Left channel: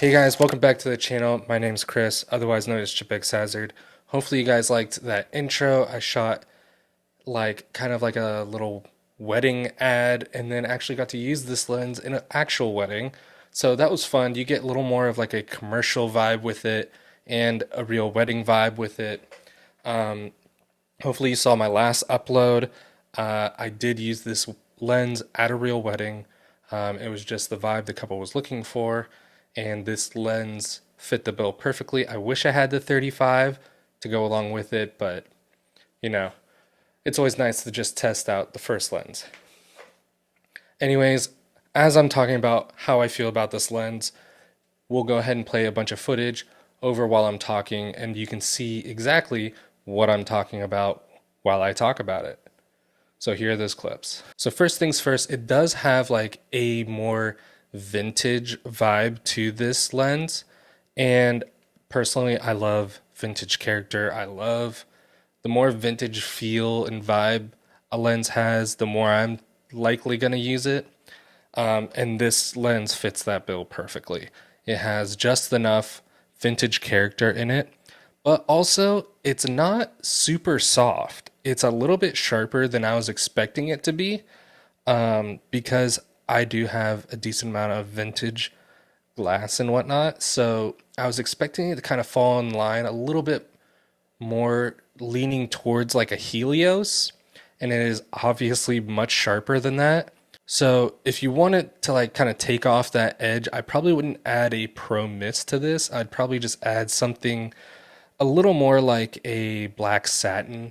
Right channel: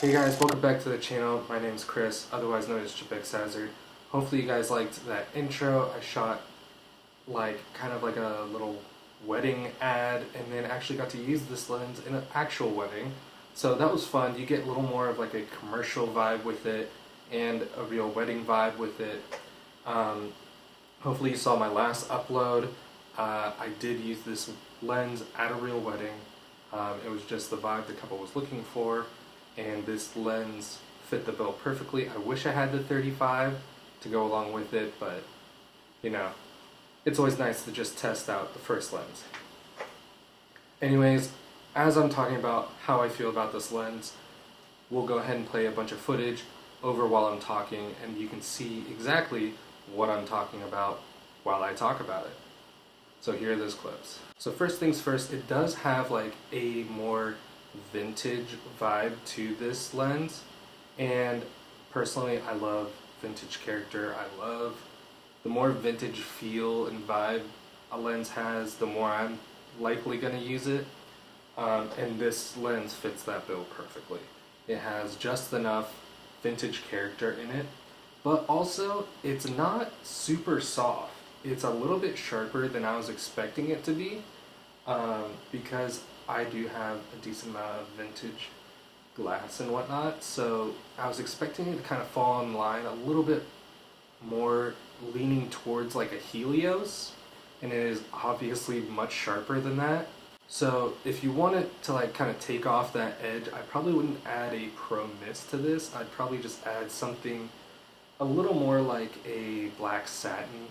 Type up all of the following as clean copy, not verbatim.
Hey guys, welcome back to the channel. My name's Chris, otherwise known as CHIPxHAZARD. Hopefully you guys liked that intro. I shot like kind of like a little wedding ad and then actually got to use this lens in an actual wedding. So that was fun. You get a little more of like a commercial vibe with it and a real wedding vibe with it. Um, Hopefully you saw my last upload. I did use this lens at a real wedding. It was just the vibe the couple was looking for, and this lens fit the bill perfectly. I wish I had the 35 to go along with it, but you know, it's always nice to just test out the first lens. Anyways, as I'm talking about how I feel about this lens, we'll go ahead and play a bunch of footage over while I'm talking, and you can see exactly what I'm talking about while I talk about it. So here are those clips. So first things first, it does have like a more vintage vibe to this lens. And personally, I love vintage character. I love the more vintage feel and vibe a lens has, the more I'm likely going to use it. And this lens fits that bill perfectly. It has just enough vintage character in it, but also it's not super soft. It's a little bit sharper than I was expecting it to be, because I do have a decent amount of vintage glass and whatnot. So I was expecting it to kind of fall in line a little bit more, leaning towards like a Helios, and it is obviously much sharper than that. So if you want it to like kind of take off that edge, I probably wouldn't add a Pro Mist to this. I'd probably just add something a little more like a black satin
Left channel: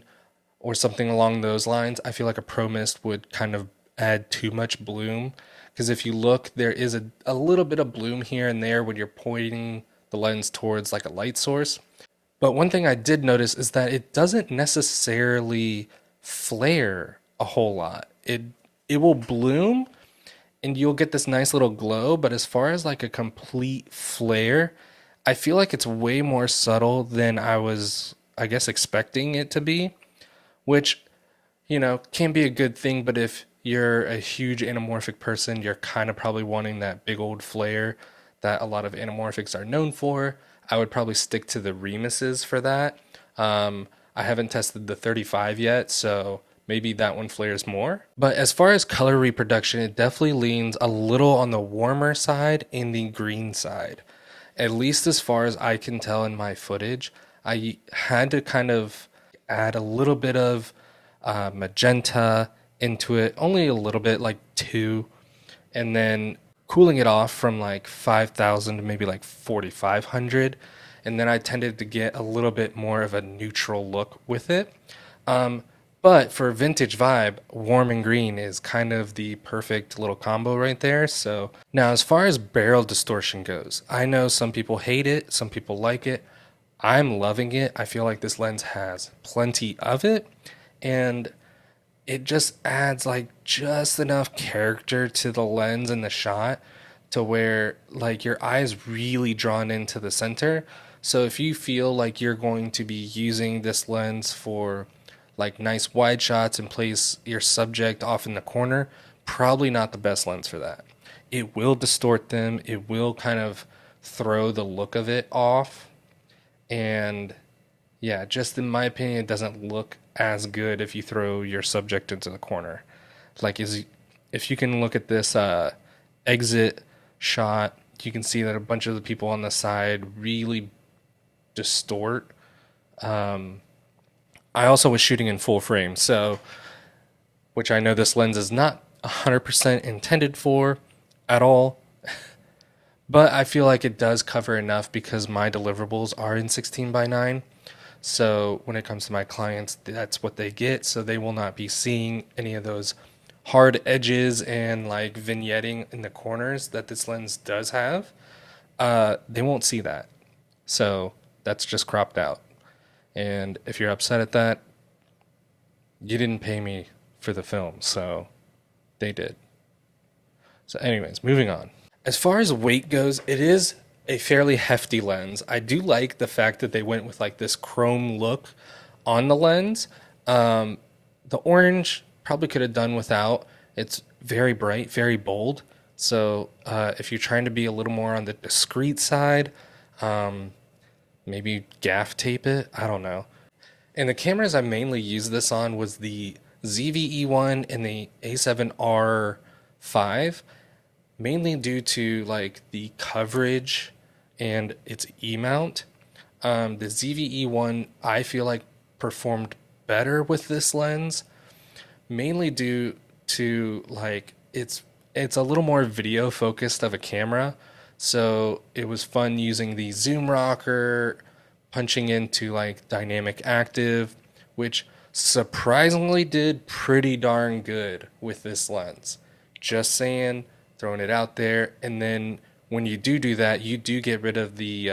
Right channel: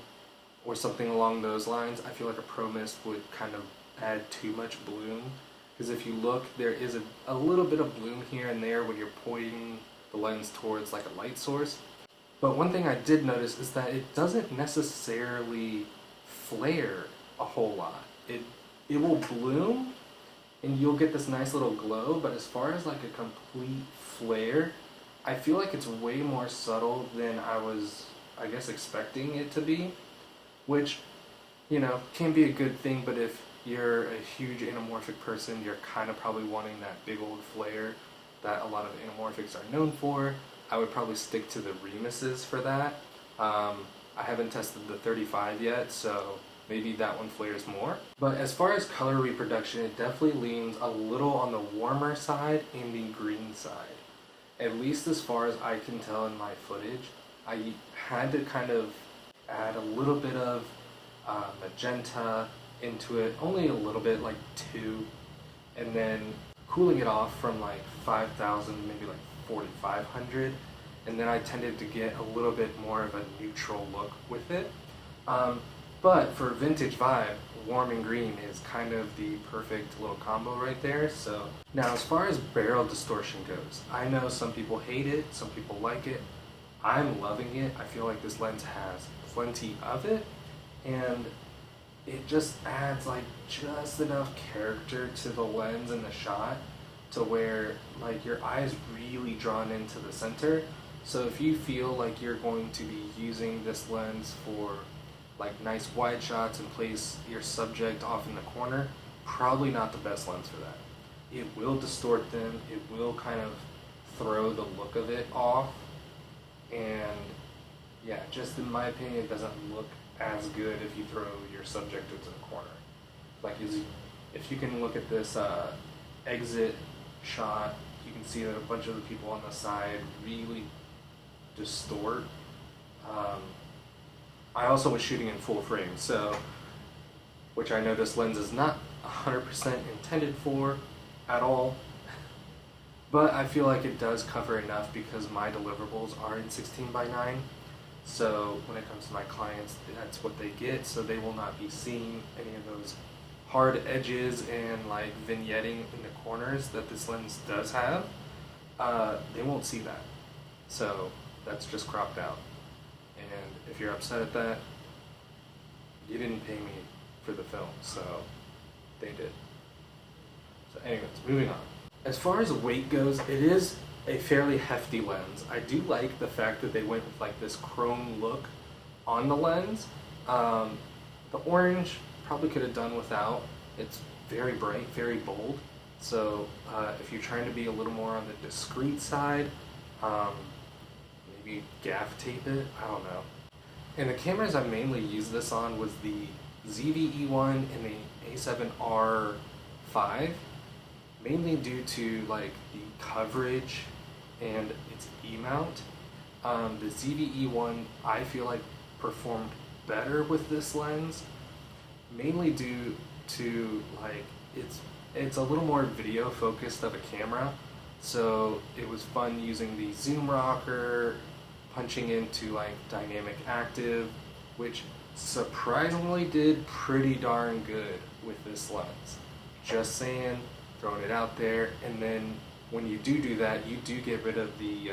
or something along those lines. I feel like a Pro Mist would kind of add too much bloom, because if you look, there is a little bit of bloom here and there when you're pointing the lens towards like a light source. But one thing I did notice is that it doesn't necessarily flare a whole lot. It will bloom and you'll get this nice little glow, but as far as like a complete flare, I feel like it's way more subtle than I was, I guess, expecting it to be, which, can be a good thing, but if you're a huge anamorphic person, you're kind of probably wanting that big old flare that a lot of anamorphics are known for. I would probably stick to the Remuses for that. I haven't tested the 35 yet, so maybe that one flares more. But as far as color reproduction, it definitely leans a little on the warmer side and the green side. At least as far as I can tell in my footage, I had to kind of add a little bit of magenta into it, only a little bit, like two, and then cooling it off from like 5,000 to maybe like 4,500. And then I tended to get a little bit more of a neutral look with it. Um, but for vintage vibe, warm and green is kind of the perfect little combo right there. So now, as far as barrel distortion goes, I know some people hate it, some people like it. I'm loving it. I feel like this lens has plenty of it, and it just adds like just enough character to the lens and the shot to where like your eye is really drawn into the center. So if you feel like you're going to be using this lens for like nice wide shots and place your subject off in the corner, probably not the best lens for that. It will distort them, it will kind of throw the look of it off, and yeah, just in my opinion, it doesn't look as good if you throw your subject into the corner. Like, if you can look at this exit shot, you can see that a bunch of the people on the side really distort. I also was shooting in full frame, so, which I know this lens is not 100% intended for at all, but I feel like it does cover enough because my deliverables are in 16:9. So when it comes to my clients, that's what they get. So they will not be seeing any of those hard edges and like vignetting in the corners that this lens does have. They won't see that. So that's just cropped out. And if you're upset at that, you didn't pay me for the film, so they did. So, anyways, moving on. As far as weight goes, it is a fairly hefty lens. I do like the fact that they went with like this chrome look on the lens. The orange probably could have done without. It's very bright, very bold. So if you're trying to be a little more on the discreet side, um, maybe gaff tape it. I don't know. And the cameras I mainly used this on was the ZVE1 and the A7R5, mainly due to like the coverage and its E mount. The ZVE1 I feel like performed better with this lens, mainly due to like it's a little more video focused of a camera. So it was fun using the zoom rocker, punching into like dynamic active, which surprisingly did pretty darn good with this lens. Just saying, throwing it out there. And then when you do that, you do get rid of the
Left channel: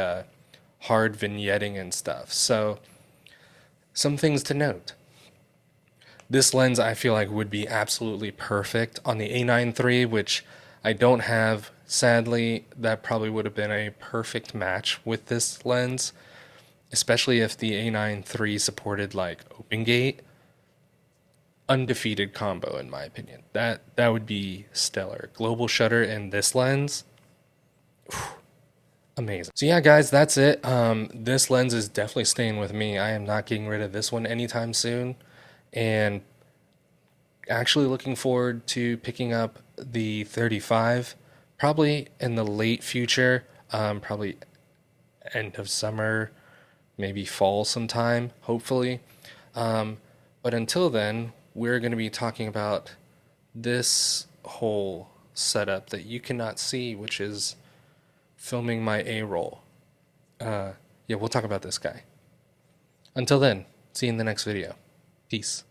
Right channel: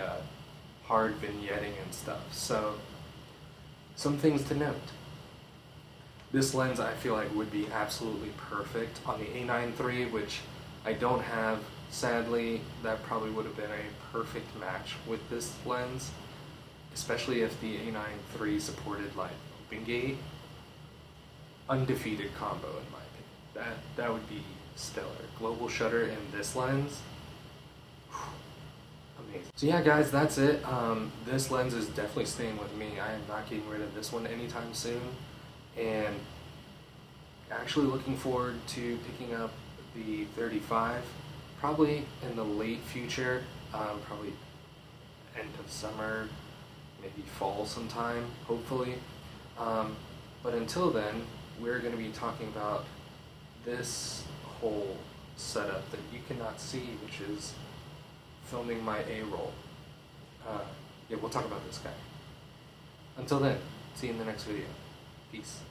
hard vignetting and stuff. So some things to note. This lens I feel like would be absolutely perfect on the A9 III, which I don't have. Sadly, that probably would have been a perfect match with this lens, especially if the A9 III supported like open gate. Undefeated combo in my opinion. That would be stellar. Global shutter and this lens, amazing. So yeah, guys, that's it. This lens is definitely staying with me. I am not getting rid of this one anytime soon, and actually looking forward to picking up the 35 probably in the late future, probably end of summer, maybe fall sometime, hopefully. Um, but until then, we're going to be talking about this whole setup that you cannot see, which is filming my A roll. Yeah, we'll talk about this guy. Until then, see you in the next video. Peace.